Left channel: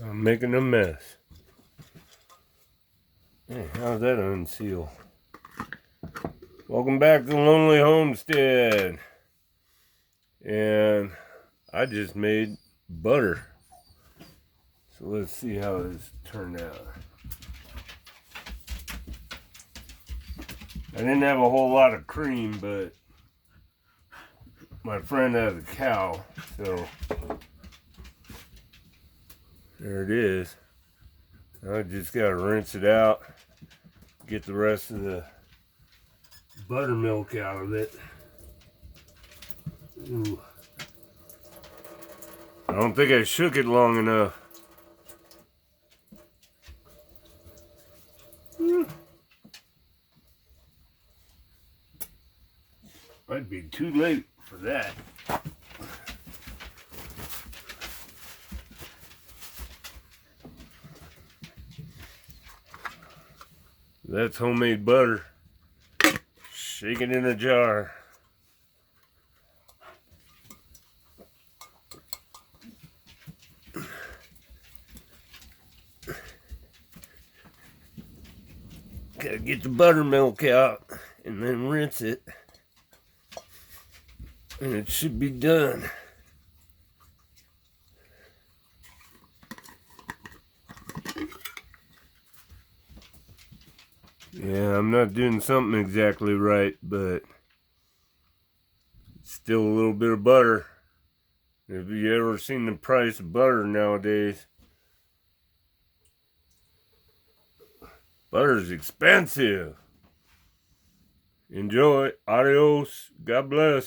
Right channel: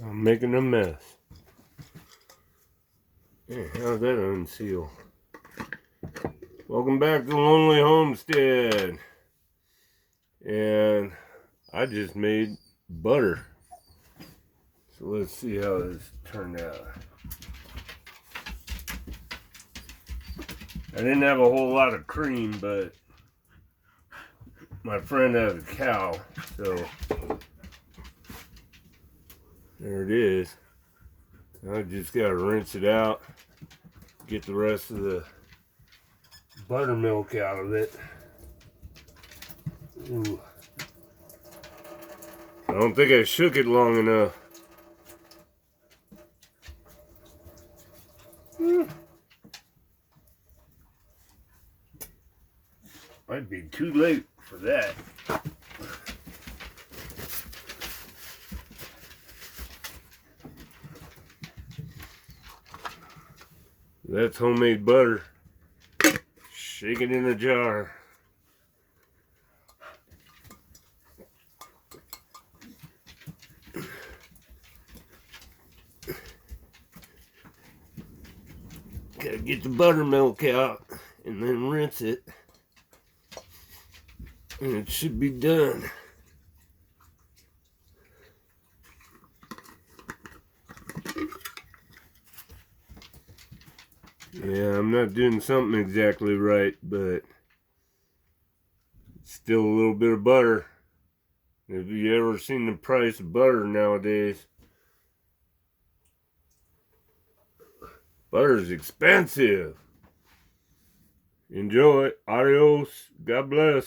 I'm making a mess. Hey, how's that unseal? Welcome back to Lonely Homestead. And I just made butter. So let's see how this turned out. I didn't have a whole lot of cream, but my friend has a cow, so there it is. I just gotta rinse it out, get the rest of the buttermilk out of it. Ooh. I don't think I shook it long enough. Might be too late for that. That's homemade butter. Shake it in a jar. Gotta get the buttermilk out and then rinse it. And it should be done. Yeah, I'm not doing something exactly right, but it's still a little bit of butter. Have you ever seen the price of butter nowadays? Butter's expensive. Enjoy. Adios. God bless.